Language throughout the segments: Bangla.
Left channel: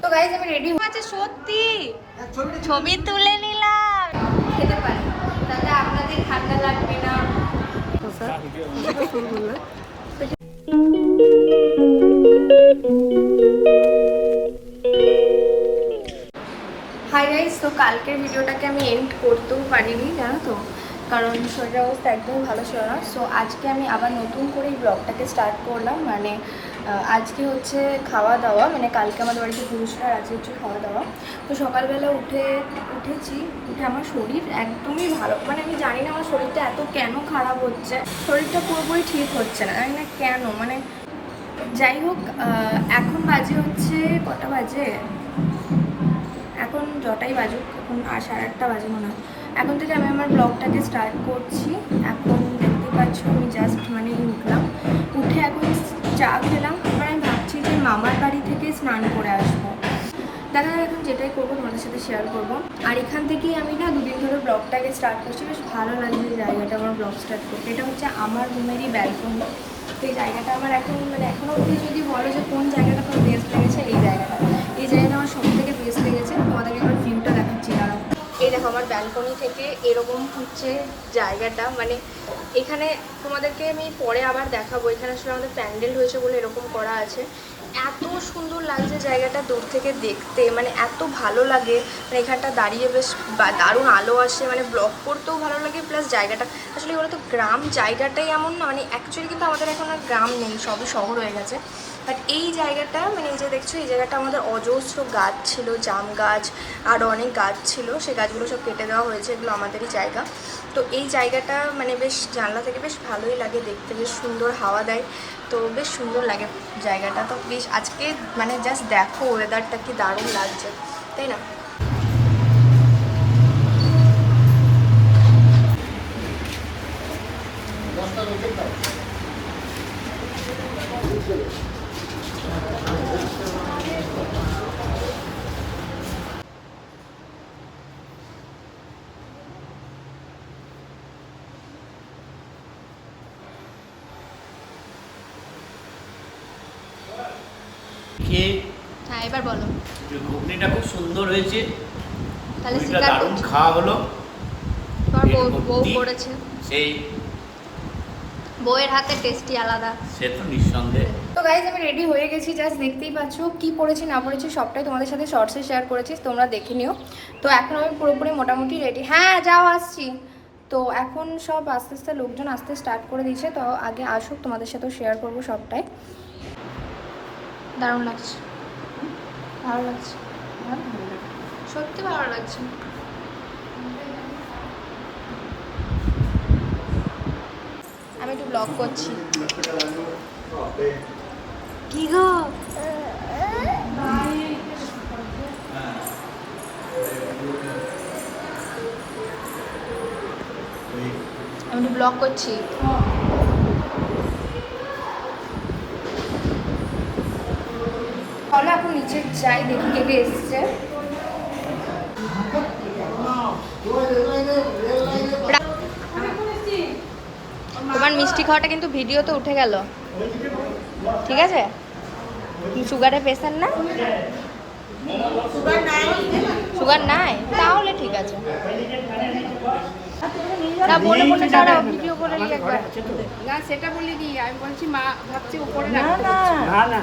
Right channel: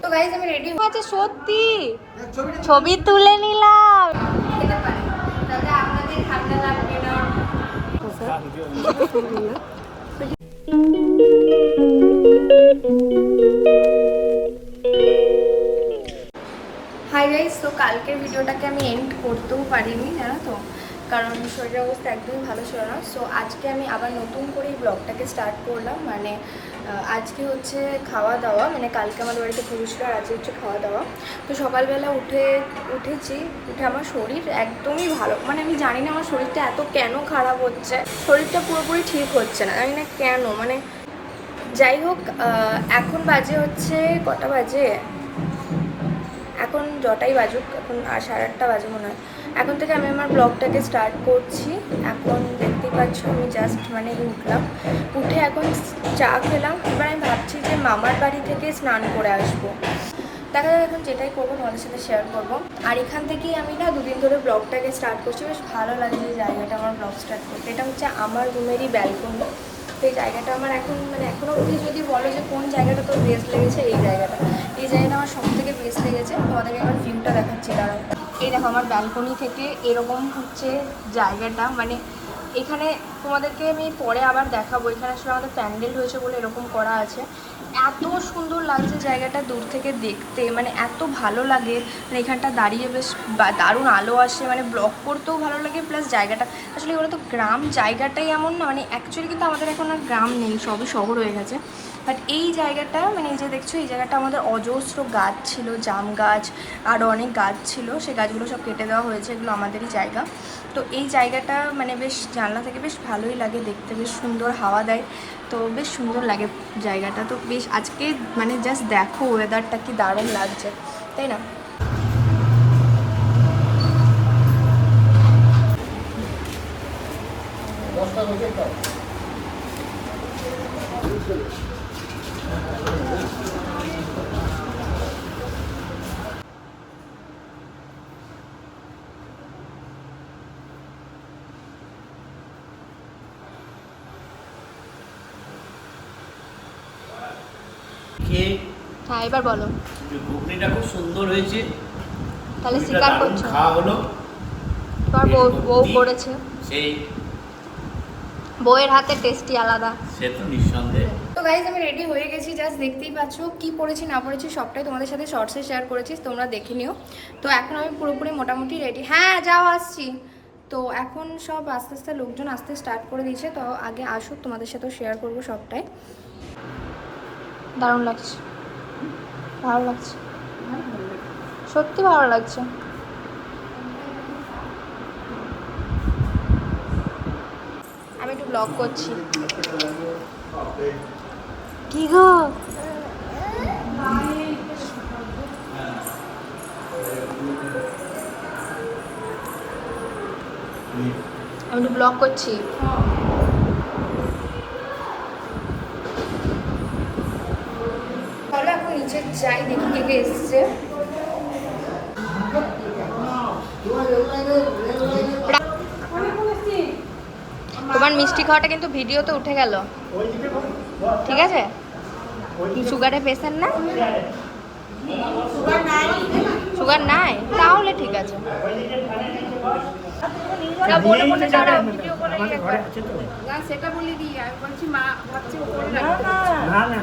তো গাইজ আমি রেডি হয়েছে সত্যি। ছবি তুলে নিলাম। খেতে আপনাদের ঠান্ডা লাগবে না। হাই গাইজ তো কালকের ভিডিওটাকে আমি এন্ড করতেও পারিনি জানো তো? কারণ শরীরের অবস্থা একদমই ভালো ছিল না। সো আজকে আমি আবার নতুন করে এই ব্লগটাকে স্টার্ট করলাম। মানে আজকে হচ্ছে খাওয়া দাওয়া মানে কালকে আমাদের বাড়িতে পুরুষরা আজকে হচ্ছে খাওয়া দাওয়া। তো সকালবেলা উঠে, উঠেছি, উঠে আমার শরীর একদমই ভালো মানে আমি জানি না আমার শরীরটা এত কেন খারাপ হচ্ছে। শরীরটা পুরোপুরি ঠিক হচ্ছে না জানি না কেন? মানে যাই হোক এখন বাজে হচ্ছে কটা বাজে? এখন যটাই বাজুক, এখন আর সাড়ে আটটা বাজে মনে হয়। এখন থেকে আমি আমার ব্লগটাকে স্টার্ট করছি। এখন দেখতে পাচ্ছ আমি জাস্ট মানে উঠলাম। উঠে এখন চা খেলাম। এবার আমি ভাবছি যে মামার বাড়ি থেকে স্নান করে আসব। দেখা যাক এখন যেটাই করব, তোমাদের সাথে শেয়ার করব। আর এখান থেকেই আমি না দুদিন ধরে ব্লগটাকে স্টার্ট করছি। বেশ ভালো লাগছে এই জায়গাটা আমার ব্লগ স্টার্ট করতে। এটা হচ্ছে আমার রুমেরই ব্যালকনি তো এই জায়গাটা আমার এখন মানে এখনও অবধি যদি বলো যে কোন জায়গাটা তোর বেস্ট লেগেছে, এই জায়গাটা। এই জায়গাটা আমার সব থেকে বেস্ট লেগেছে। তোমাদেরকে এবার ভিউটা দেখাচ্ছি, দাঁড়াও। এই দেখো, আমার ব্যালকনি থেকে এরকম হচ্ছে জায়গাটা। মানে এখানে তোমাদেরকে আমি পরে আবার দেখাবো। এখানে আসলে আমাদের প্যান্ডেল হয়েছে বলে এরকম করা আছে। এত সুন্দর লাগছে জায়গাটা দূর থেকে দেখতে। মানে এত ভালো লাগে। মানে এখানটা দাঁড়িয়ে বেশ দারুণ আলো আসে। মানে ব্লক করতেও ভালো লাগে, প্লাস জায়গাটা আসলে এগুলো তো গ্রাম জায়গাটাই এমন না। মানে অ্যাকচুয়ালি কিন্তু আমাদের এখন আর গ্রাম নেই, সবই শহর হয়ে গেছে। বাট এই জায়গাটা মানে এই যে দেখছ, এই জায়গাটা আমাদের অজস্র গাছ ছিল, জাম গাছ আরও অনেক গাছ ছিল। সেই গাছগুলো সব কেটে দেওয়া হয়েছে, এগুলো আমাদেরই জায়গা। তো এই জায়গাটা মানে বেশ জানলা থেকে বেশ ভালোই লাগে দেখতে, বেশ সুন্দর হাওয়া দেয়। তো বেশ সুন্দর লাগে জায়গাটা। তো বেশ আজকে মানে জাস্ট দেখো ওয়েদারটা কি দারুণ লাগছে, তাই না? খেয়ে হ্যাঁ এবার বলো। ঘুগনিটা খুব সুন্দর হয়েছে। তাহলে স্বীকার করছ খাওয়া হলো। তোমার বউ। করেছে। সেই বউয়ের হাতে টেস্টি আলাদা। সে তো নিঃসন্দেহে। তো গাইজ আমি রেডি হয়ে গেছি জাস্ট দেখতেই পাচ্ছ কি পড়েছি না পড়েছি সবটাই তোমাদের সাথে শর্টসে শেয়ার করেছি তোমরা দেখে নিও। তো এখন আমি পুরোপুরি মোটামুটি রেডি হ্যাঁ যাও আসছি। তো এখন সব আস্তে আস্তে লোকজন আসতে স্টার্ট করে দিয়েছে তো আগে আসুক তোমাদের সাথেও শেয়ার করব সবটাই। দারুণ লাগছে। ভালো লাগছে। সত্যি ভালো লাগছে। আমি একটু ব্লগ করছি। কি গো? আমি একটু ব্লগ করছি। চলো এখন নিচে যাই দেখি কে এসছে। তোমার মিষ্টি খাওয়াটা কিন্তু ভিডিওতে উঠে গেল। ঠিক আছে? কি সুগারের পেশেন্ট না সুগার নাই? তাহলে ঠিক আছে। না বলে বলে দাঁড়াও ভিডিও করে করো। না সেটা বলি আমি বলছি মা ভাবছি উপরে রাখতে না না।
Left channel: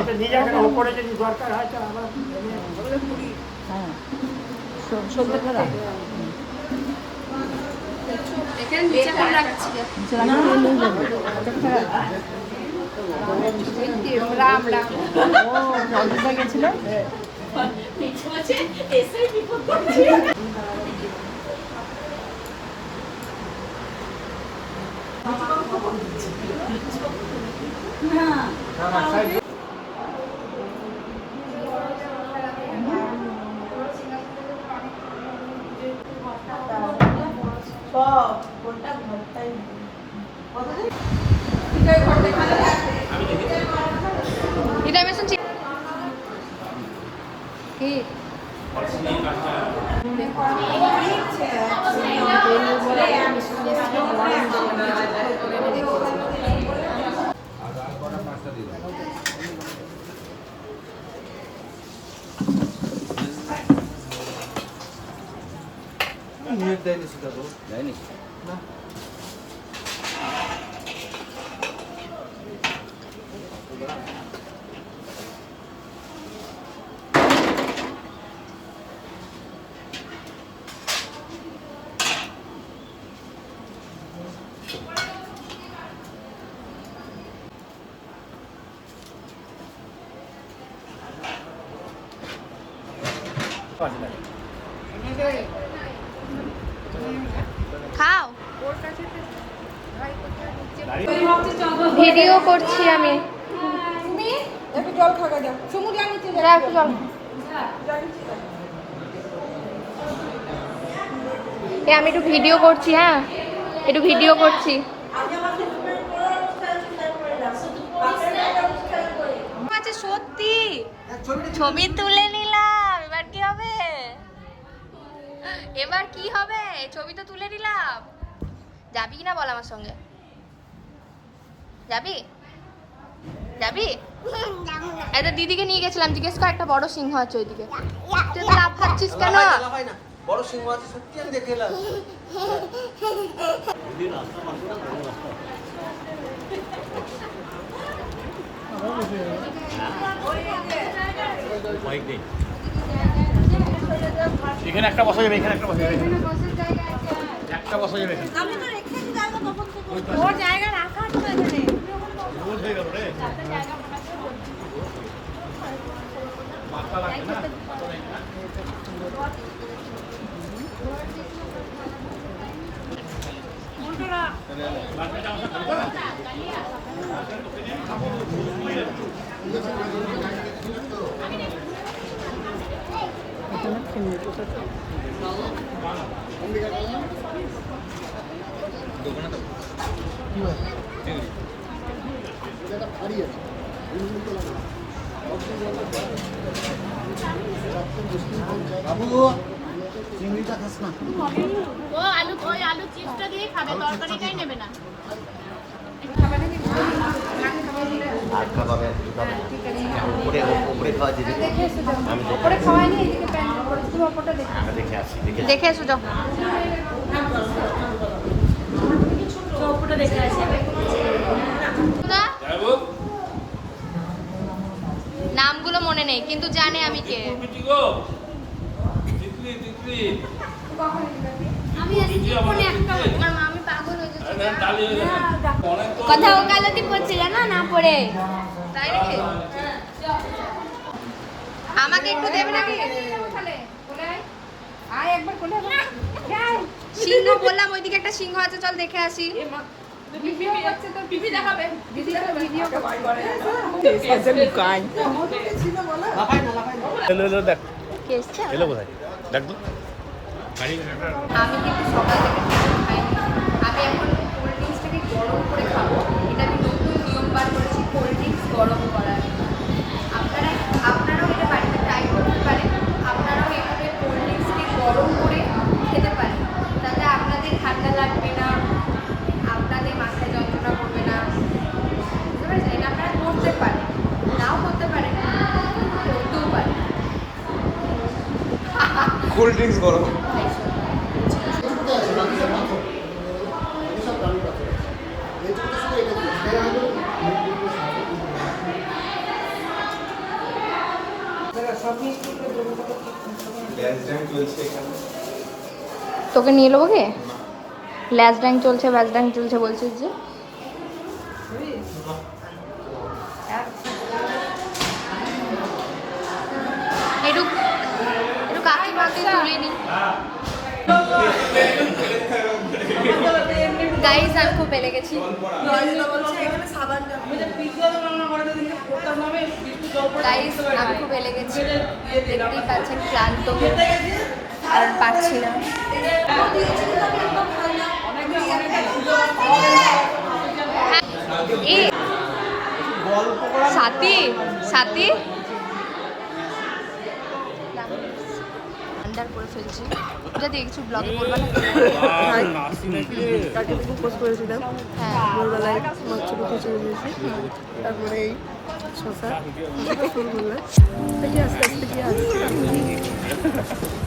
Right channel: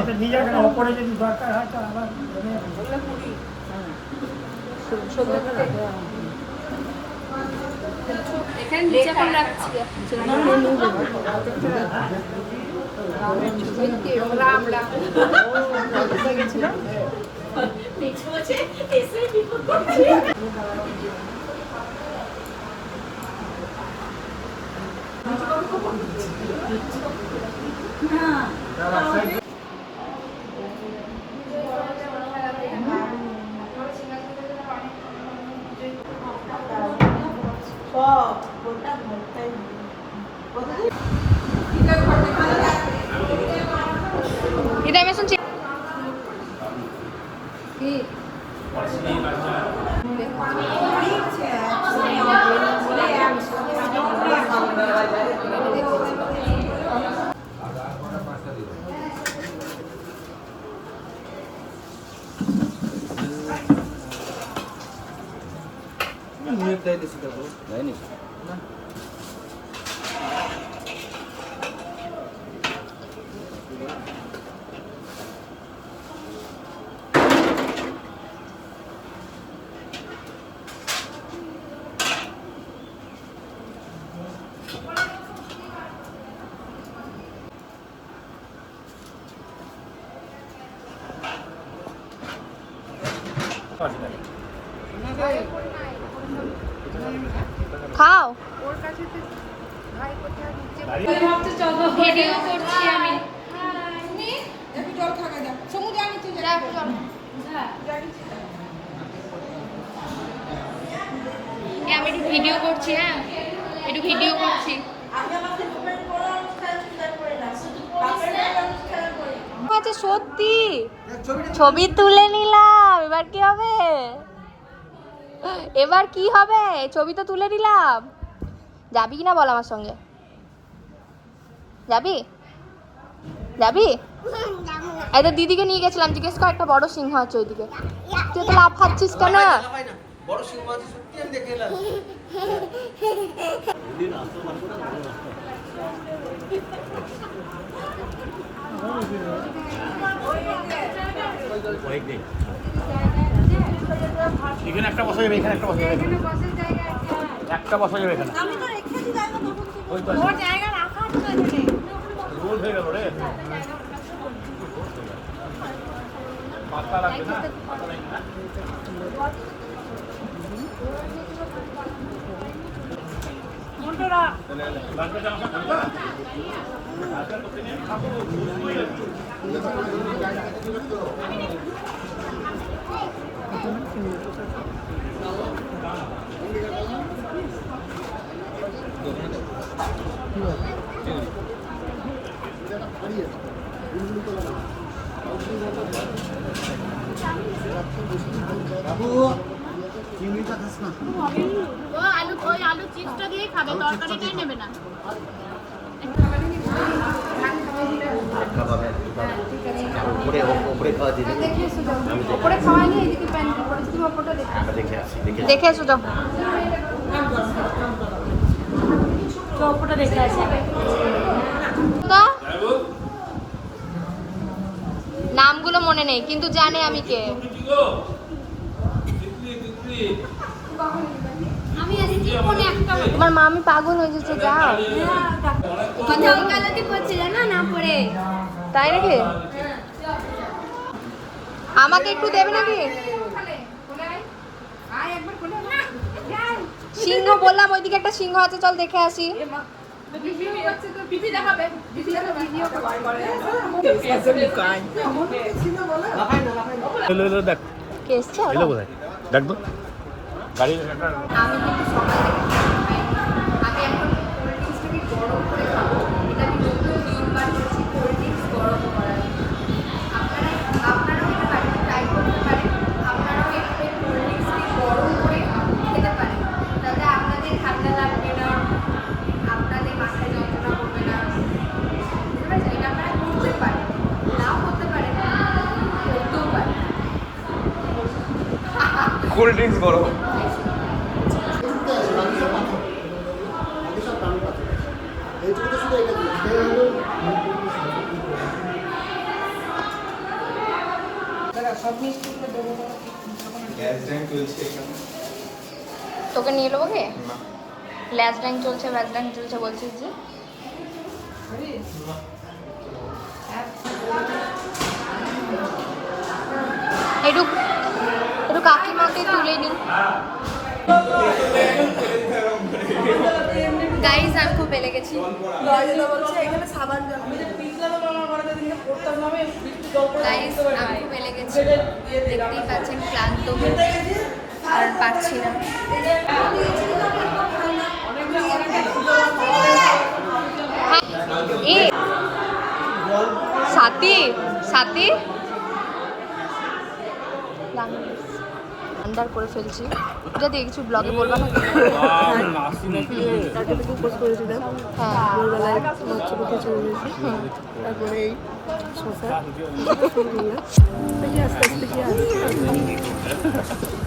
এটা নিয়ে যাবে না যদি দরকার হয় পুরি এখানে নিচে এখন রাখছি দেখতে પછી Ini dari Bu. dari ini. Nah. Video করছি আমি। তুমি একটু জল খাওয়া যাও সমুদ্র নিচে যা একটু জল এ, আমি একটু ভিডিও করছি হ্যাঁ? একটু ভিডিও করছি। আচ্ছা সত্যি? ছবি তুলে নিলাম, এবার কি হবে? এবার কি হবে? ছবি তো তুলে নিলাম। যাবি কি না বল আমার সঙ্গে? যাবি? যাবি? তো দিদিকে নিয়ে গেছিলাম জিজ্ঞেস কর একটা বড় সিংহ আছে ওইদিকে। তুই তো কেন? দেখে এলাম। এখানে একটা বসা যাবে এখানে একটা বসা যাবে একটা বসা যাবে এখানে। আমি তো রেখেছি জায়গা তখন থেকে ওই পাশে। ওর জায়গা রাখা আছে Gracias. পাতা রাখবে না। ও আলু ওই আলু চিপসটা দিয়ে খাবে তরকারিটাই নেবে না। উপরে উপরে খাওয়া দিদি আমি দেখে। আসি দেখে যাও না? নামগুলো মনে নেই কিন্তু জানে আমি কে। তোমার মামি পাগল হয়ে কথা ওকালতি না না পড়ে। তাই নাকি? আমাকে একটু দেবে নাকি? সিংহ বললাম ওইদিকে একটা সিংহ আছে চল দেখে আসি। দেখ গাড়ি আমি কিন্তু সকাল থেকে আমি এখন কোল্ড ড্রিঙ্কসটাকে গরম করে খাব। এটা আমি নতুন নিয়ম বার করেছি কোল্ড ড্রিঙ্কস গরম করার ড্রিঙ্কস গরম তোকে নিয়ে নেব কি? ল্যাস ড্যাং চলছে বাস ড্যাং চলছে বলছিস যে একটু একটু গাইজ আমি খুব পেলে গেছি। গাইজ আমি খুব পেলে গেছি। দেখতেই পাচ্ছেন, ক্লান্ত আর পারছি না। এ, সাথী সাথী। আন্ডার করে ফেলছি। এটা দিয়ে কিছু ব্লগে বলবা না? কালকে থেকে উপোস করেছিলাম। হ্যাঁ। ভোরবেলায় মাছ খিচুড়ি দিয়েছি তারপরে এই শশা শুরু করলাম দেখি আস্তে আস্তে কি আসছে